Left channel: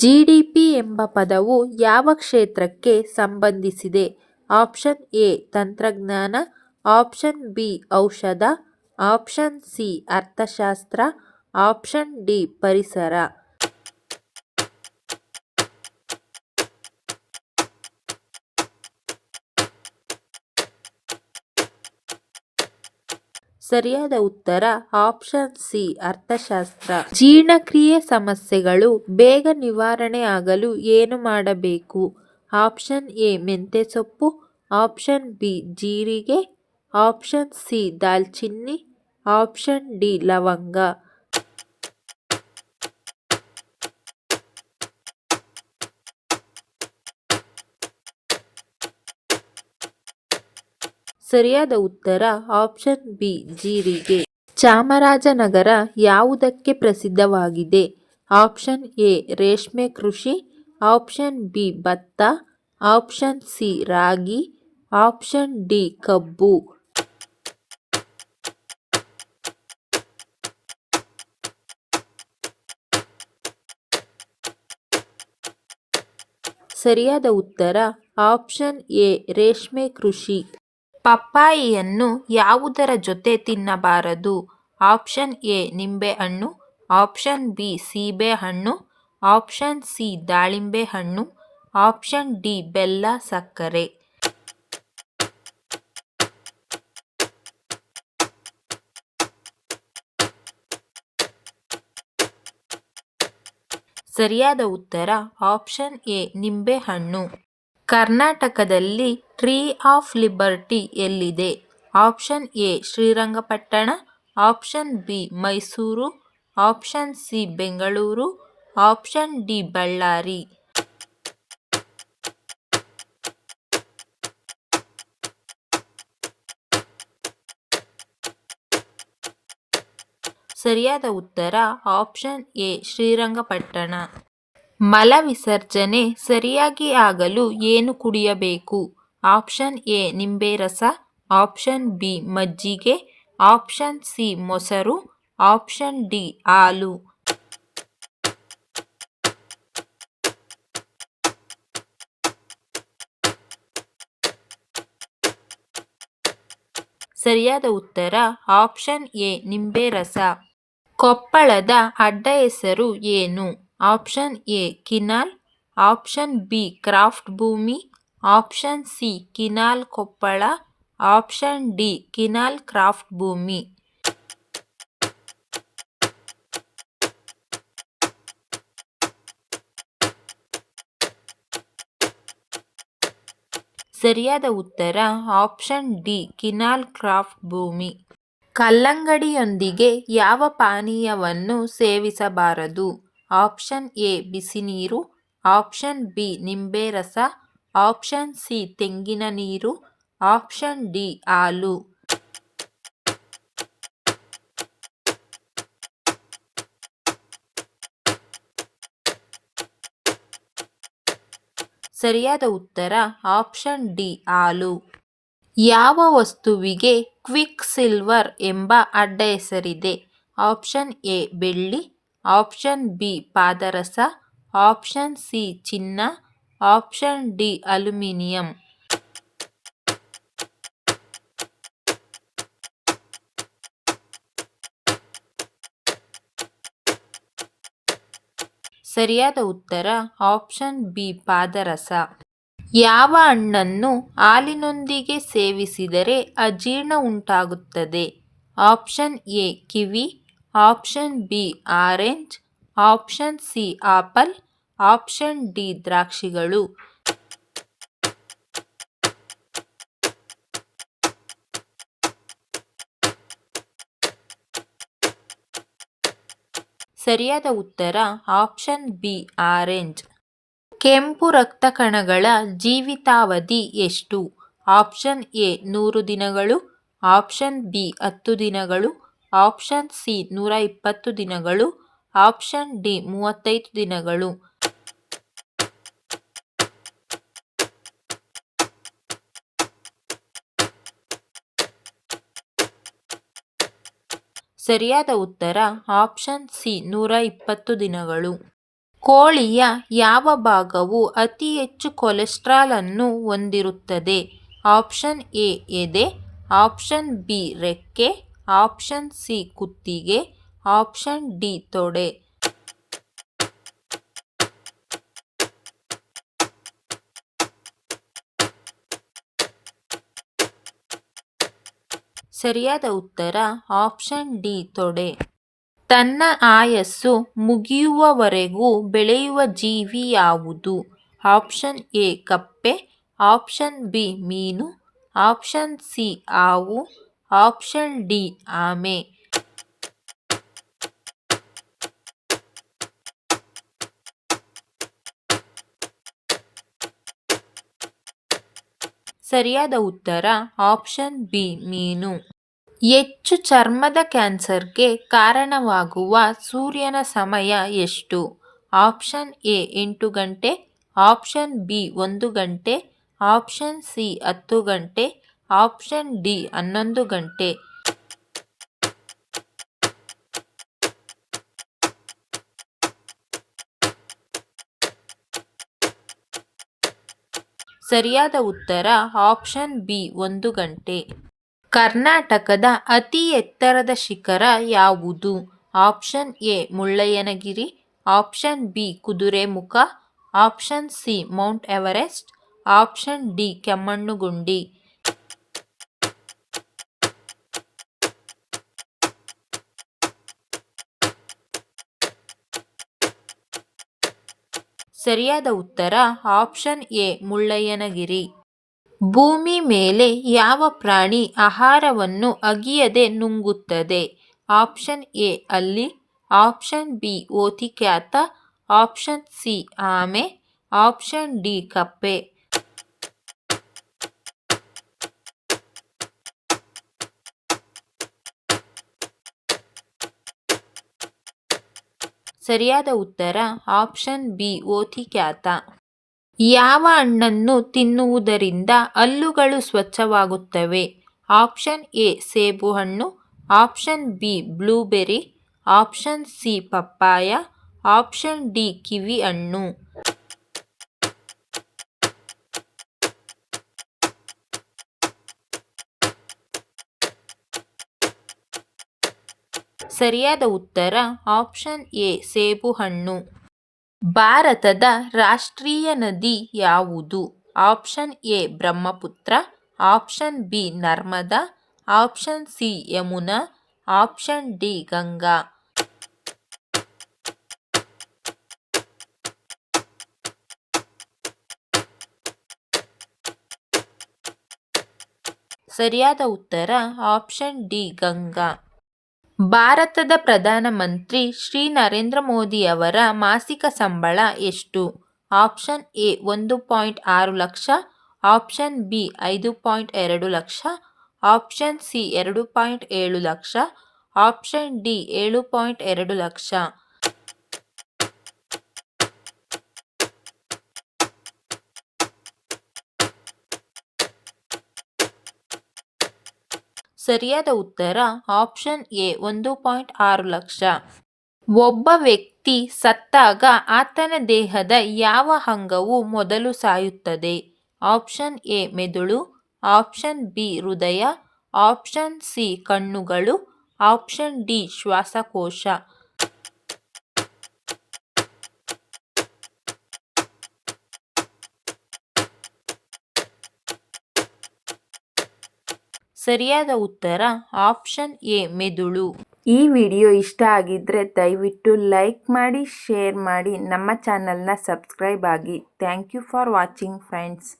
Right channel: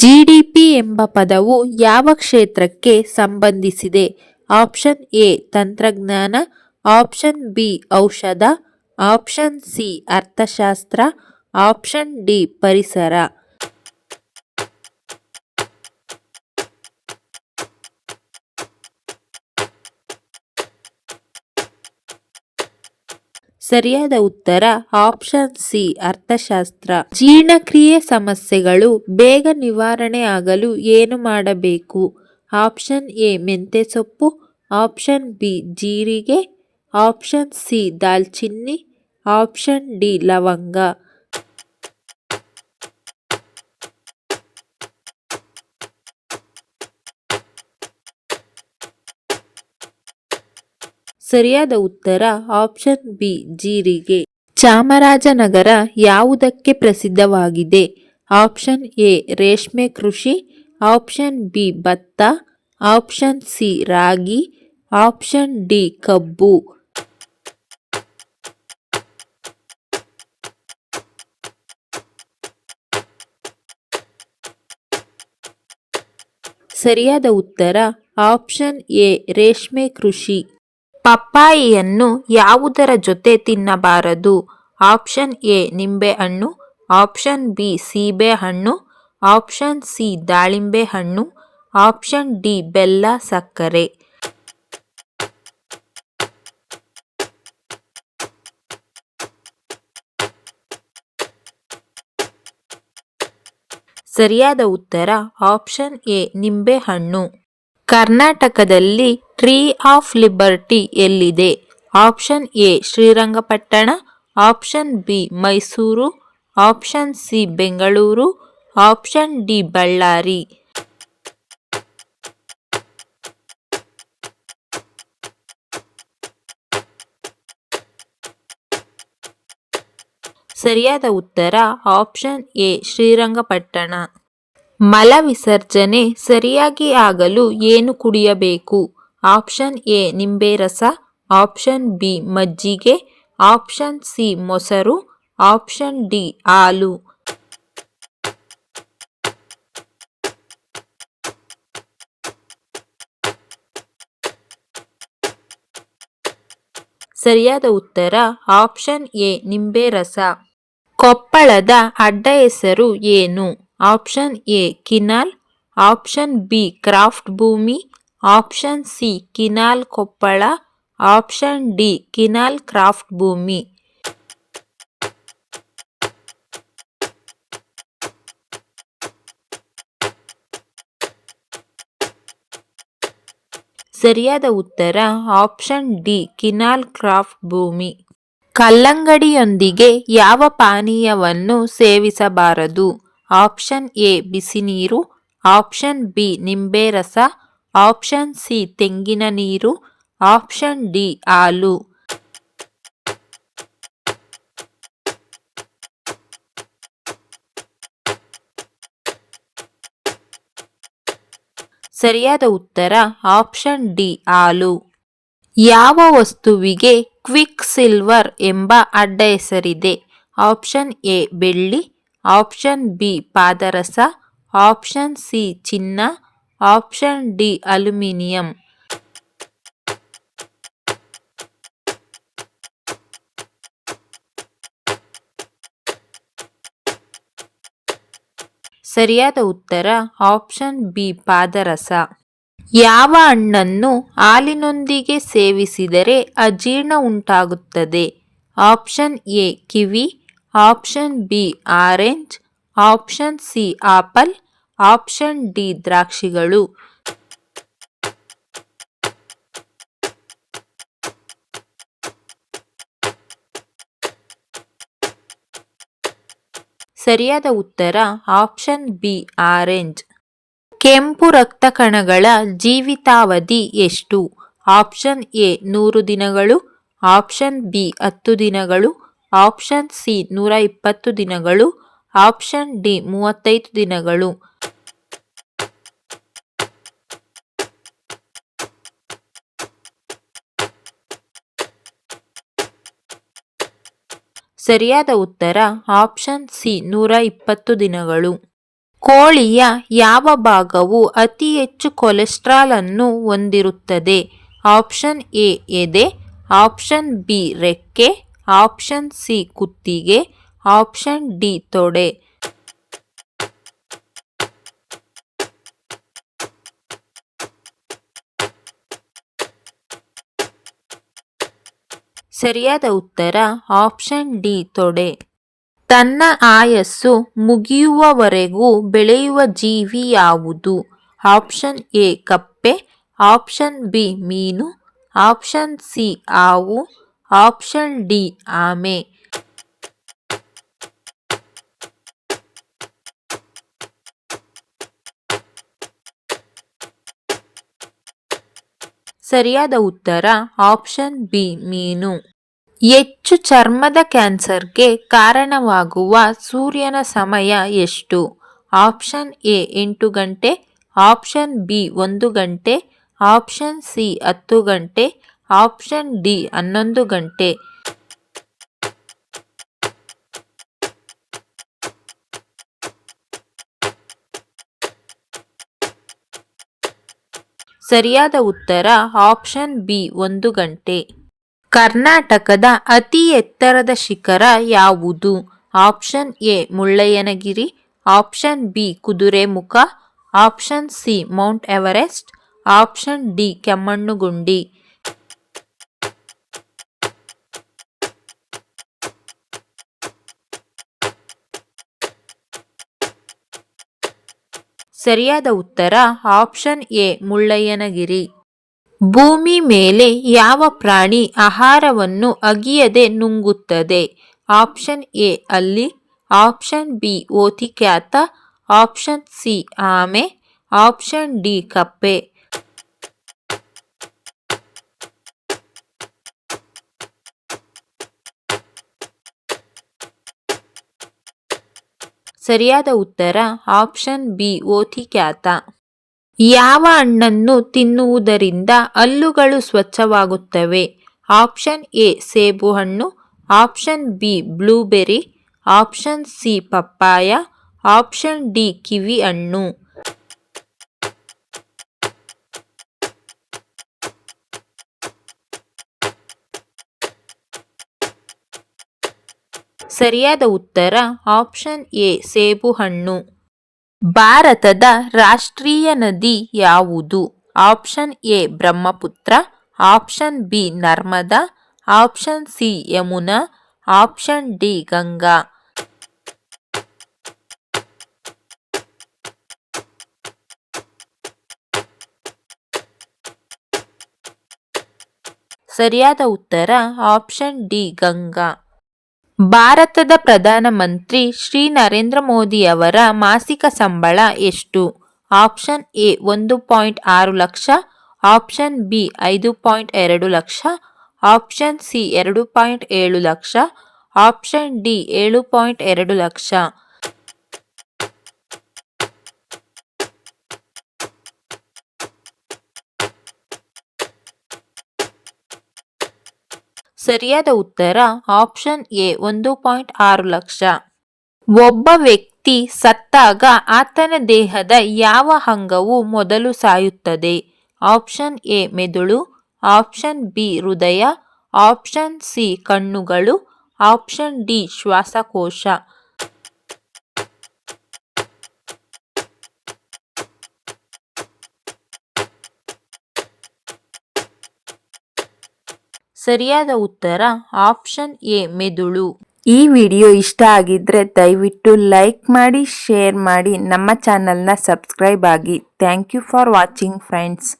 GDP ಎಂಬ ಪದವು ಯಾವ ಕ್ಷೇತ್ರಕ್ಕೆ ಸಂಬಂಧಿಸಿದೆ? ಆಪ್ಷನ್ ಎ ತಂತ್ರಜ್ಞಾನ, ಆಪ್ಷನ್ ಬಿ ಔಷಧ, ಆಪ್ಷನ್ ಸಿ ಅರ್ಥಶಾಸ್ತ್ರ, ಆಪ್ಷನ್ ಡಿ ಪರಿಸರ. ಸರಿಯಾದ ಉತ್ತರ ಆಪ್ಷನ್ ಸಿ ಅರ್ಥಶಾಸ್ತ್ರ. ಜೀರ್ಣಕ್ರಿಯೆ ಸಮಸ್ಯೆಗಳು ಬೇಗ ನಿವಾರಣೆ ಆಗಲು ಏನು ಮಾಡಬೇಕು? ಆಪ್ಷನ್ ಎ ಮೆಂತ್ಯ ಸೊಪ್ಪು, ಆಪ್ಷನ್ ಬಿ ಜೀರಿಗೆ, ಆಪ್ಷನ್ ಸಿ ದಾಲ್ಚಿನ್ನಿ, ಆಪ್ಷನ್ ಡಿ ಲವಂಗ. ಸರಿಯಾದ ಉತ್ತರ ಆಪ್ಷನ್ ಬಿ ಜೀರಿಗೆ. ಚಾಮರಾಜನಗರ ಯಾವುದಕ್ಕೆ ಪ್ರಸಿದ್ಧವಾಗಿದೆ? ಆಪ್ಷನ್ ಎ ರೇಷ್ಮೆ ಕೃಷಿ, ಆಪ್ಷನ್ ಬಿ ಭತ್ತ, ಆಪ್ಷನ್ ಸಿ ರಾಗಿ, ಆಪ್ಷನ್ ಡಿ ಕಬ್ಬು. ಸರಿಯಾದ ಉತ್ತರ ಆಪ್ಷನ್ ಎ ರೇಷ್ಮೆ ಕೃಷಿ. ಪಪ್ಪಾಯಿಯನ್ನು ಯಾವುದರ ಜೊತೆ ತಿನ್ನಬಾರದು? ಆಪ್ಷನ್ ಎ ನಿಂಬೆಹಣ್ಣು, ಆಪ್ಷನ್ ಬಿ ಸೀಬೆಹಣ್ಣು, ಆಪ್ಷನ್ ಸಿ ದಾಳಿಂಬೆ ಹಣ್ಣು, ಆಪ್ಷನ್ ಡಿ ಬೆಲ್ಲ ಸಕ್ಕರೆ. ಸರಿಯಾದ ಉತ್ತರ ಆಪ್ಷನ್ ಎ ನಿಂಬೆಹಣ್ಣು. ಕರ್ನಾಟಕದಲ್ಲಿ ಟ್ರೀ ಆಫ್ ಲಿಬರ್ಟಿ ಎಲ್ಲಿದೆ? Option A Srirangapatna, option B Mysuru, option C Bengaluru, option D Ballari. ಸರಿಯಾದ ಉತ್ತರ ಆಪ್ಷನ್ ಎ ಶ್ರೀರಂಗಪಟ್ಟಣ. ಮಲ ವಿಸರ್ಜನೆ ಸರಿಯಾಗಿ ಆಗಲು ಏನು ಕುಡಿಯಬೇಕು? ಆಪ್ಷನ್ ಎ ನಿಂಬೆ ರಸ, ಆಪ್ಷನ್ ಬಿ ಮಜ್ಜಿಗೆ, ಆಪ್ಷನ್ ಸಿ ಮೊಸರು, ಆಪ್ಷನ್ ಡಿ ಹಾಲು. ಸರಿಯಾದ ಉತ್ತರ ಆಪ್ಷನ್ ಎ ನಿಂಬೆ ರಸ. ಕೊಪ್ಪಳದ ಅಡ್ಡ ಹೆಸರು ಏನು? Option A Kinnal, option B craft ಭೂಮಿ, option C Kinnal Koppal, option D Kinnal craft ಭೂಮಿ. ಸರಿಯಾದ ಉತ್ತರ ಆಪ್ಷನ್ ಡಿ ಕಿನಾಲ್ ಕ್ರಾಫ್ಟ್ ಭೂಮಿ. ಕಲ್ಲಂಗಡಿಯೊಂದಿಗೆ ಯಾವ ಪಾನೀಯವನ್ನು ಸೇವಿಸಬಾರದು? ಆಪ್ಷನ್ ಎ ಬಿಸಿ ನೀರು, ಆಪ್ಷನ್ ಬಿ ನಿಂಬೆ ರಸ, ಆಪ್ಷನ್ ಸಿ ತೆಂಗಿನ ನೀರು, ಆಪ್ಷನ್ ಡಿ ಹಾಲು. ಸರಿಯಾದ ಉತ್ತರ ಆಪ್ಷನ್ ಡಿ ಹಾಲು. ಯಾವ ವಸ್ತುವಿಗೆ ಕ್ವಿಕ್ ಸಿಲ್ವರ್ ಎಂಬ ಅಡ್ಡ ಹೆಸರಿದೆ? ಆಪ್ಷನ್ ಎ ಬೆಳ್ಳಿ, ಆಪ್ಷನ್ ಬಿ ಪಾದರಸ, ಆಪ್ಷನ್ ಸಿ ಚಿನ್ನ, ಆಪ್ಷನ್ ಡಿ ಅಲ್ಯೂಮಿನಿಯಂ. ಸರಿಯಾದ ಉತ್ತರ ಆಪ್ಷನ್ ಬಿ ಪಾದರಸ. ಯಾವ ಹಣ್ಣನ್ನು ಹಾಲಿನೊಂದಿಗೆ ಸೇವಿಸಿದರೆ ಅಜೀರ್ಣ ಉಂಟಾಗುತ್ತದೆ? Option A kiwi, option B orange, option C apple, option D ದ್ರಾಕ್ಷಿಗಳು. ಸರಿಯಾದ ಉತ್ತರ ಆಪ್ಷನ್ ಬಿ ಆರೆಂಜ್. ಕೆಂಪು ರಕ್ತ ಕಣಗಳ ಜೀವಿತಾವಧಿ ಎಷ್ಟು? ಆಪ್ಷನ್ ಎ 100 ದಿನಗಳು, ಆಪ್ಷನ್ ಬಿ 10 ದಿನಗಳು, ಆಪ್ಷನ್ ಸಿ 120 ದಿನಗಳು, ಆಪ್ಷನ್ ಡಿ 35 ದಿನಗಳು. ಸರಿಯಾದ ಉತ್ತರ ಆಪ್ಷನ್ ಸಿ 120 ದಿನಗಳು. ಕೋಳಿಯ ಯಾವ ಭಾಗವು ಅತಿ ಹೆಚ್ಚು ಕೊಲೆಸ್ಟ್ರಾಲ್ ಅನ್ನು ಹೊಂದಿರುತ್ತದೆ? ಆಪ್ಷನ್ ಎ ಎದೆ, ಆಪ್ಷನ್ ಬಿ ರೆಕ್ಕೆ, ಆಪ್ಷನ್ ಸಿ ಕುತ್ತಿಗೆ, ಆಪ್ಷನ್ ಡಿ ತೊಡೆ. ಸರಿಯಾದ ಉತ್ತರ ಆಪ್ಷನ್ ಡಿ ತೊಡೆ. ತನ್ನ ಆಯಸ್ಸು ಮುಗಿಯುವವರೆಗೂ ಬೆಳೆಯುವ ಜೀವಿ ಯಾವುದು? ಆಪ್ಷನ್ ಎ ಕಪ್ಪೆ, ಆಪ್ಷನ್ ಬಿ ಮೀನು, ಆಪ್ಷನ್ ಸಿ ಹಾವು, ಆಪ್ಷನ್ ಡಿ ಆಮೆ. ಸರಿಯಾದ ಉತ್ತರ ಆಪ್ಷನ್ ಬಿ ಮೀನು. ಹೆಚ್ಚು ಚರ್ಮದ ಕ್ಯಾನ್ಸರ್ಗೆ ಕಾರಣವಾಗುವ ಸೂರ್ಯನ ಸಮಯ ಎಷ್ಟು? ಆಪ್ಷನ್ ಎ 8 ಗಂಟೆ, ಆಪ್ಷನ್ ಬಿ 1 ಗಂಟೆ, ಆಪ್ಷನ್ ಸಿ 10 ಗಂಟೆ, ಆಪ್ಷನ್ ಡಿ 11 ಗಂಟೆ. ಸರಿಯಾದ ಉತ್ತರ ಆಪ್ಷನ್ ಬಿ 1 ಗಂಟೆ. ಕರ್ನಾಟಕದ ಅತಿ ಎತ್ತರದ ಶಿಖರ ಯಾವುದು? Option A Mullayanagiri, option B Kudremukh, option C Mount Everest, option D Kemmangundi. ಸರಿಯಾದ ಉತ್ತರ ಆಪ್ಷನ್ ಎ ಮುಳ್ಳಯ್ಯನಗಿರಿ. ಭೂಮಿ ಮೇಲೆ ಯಾವ ಪ್ರಾಣಿ ಆಹಾರವನ್ನು ಅಗಿಯದೆ ನುಂಗುತ್ತದೆ? ಆಪ್ಷನ್ ಎ ಹಲ್ಲಿ, ಆಪ್ಷನ್ ಬಿ ಓತಿಕ್ಯಾತ, ಆಪ್ಷನ್ ಸಿ ಆಮೆ, ಆಪ್ಷನ್ ಡಿ ಕಪ್ಪೆ. ಸರಿಯಾದ ಉತ್ತರ ಆಪ್ಷನ್ ಬಿ ಓತಿಕ್ಯಾತ. ಯಾವ ಹಣ್ಣನ್ನು ತಿನ್ನುವುದರಿಂದ ಹಲ್ಲುಗಳು ಸ್ವಚ್ಛವಾಗುತ್ತವೆ? ಆಪ್ಷನ್ ಎ ಸೇಬುಹಣ್ಣು, option B blueberry, option C ಪಪ್ಪಾಯ, ಆಪ್ಷನ್ ಡಿ ಕಿವಿ ಹಣ್ಣು. ಸರಿಯಾದ ಉತ್ತರ ಆಪ್ಷನ್ ಎ ಸೇಬುಹಣ್ಣು. ಭಾರತದ ರಾಷ್ಟ್ರೀಯ ನದಿ ಯಾವುದು? Option A Brahmaputra, option B Narmada, option C Yamuna, option D Ganga. ಸರಿಯಾದ ಉತ್ತರ ಆಪ್ಷನ್ ಡಿ ಗಂಗಾ. ಭಾರತದ ಪ್ರಧಾನಮಂತ್ರಿ ಶ್ರೀ ನರೇಂದ್ರ ಮೋದಿಯವರ ಮಾಸಿಕ ಸಂಬಳ ಎಷ್ಟು? Option A 1.6 lakh, option B 5.2 lakh, option C 2.7 lakh, option D 7.2 lakh. ಸರಿಯಾದ ಉತ್ತರ ಆಪ್ಷನ್ ಎ 1.6 ಲಕ್ಷ. ಒಬ್ಬ ವ್ಯಕ್ತಿ ಸತ್ತಾಗ ಆತನ ದೇಹದ ಯಾವ ಅಂಗವು ಮೊದಲು ಸಾಯುತ್ತದೆ? ಆಪ್ಷನ್ ಎ ಮೆದುಳು, ಆಪ್ಷನ್ ಬಿ ಹೃದಯ, ಆಪ್ಷನ್ ಸಿ ಕಣ್ಣುಗಳು, ಆಪ್ಷನ್ ಡಿ ಶ್ವಾಸಕೋಶ. ಸರಿಯಾದ ಉತ್ತರ ಆಪ್ಷನ್ ಎ ಮೆದುಳು. ಈ ವಿಡಿಯೋ ಇಷ್ಟ ಆಗಿದ್ರೆ ದಯವಿಟ್ಟು ಲೈಕ್ ಮಾಡಿ, ಶೇರ್ ಮಾಡಿ, ನಮ್ಮ ಚಾನಲ್ನ ಸಬ್ಸ್ಕ್ರೈಬ್ ಆಗಿ. Thank you for watching friends.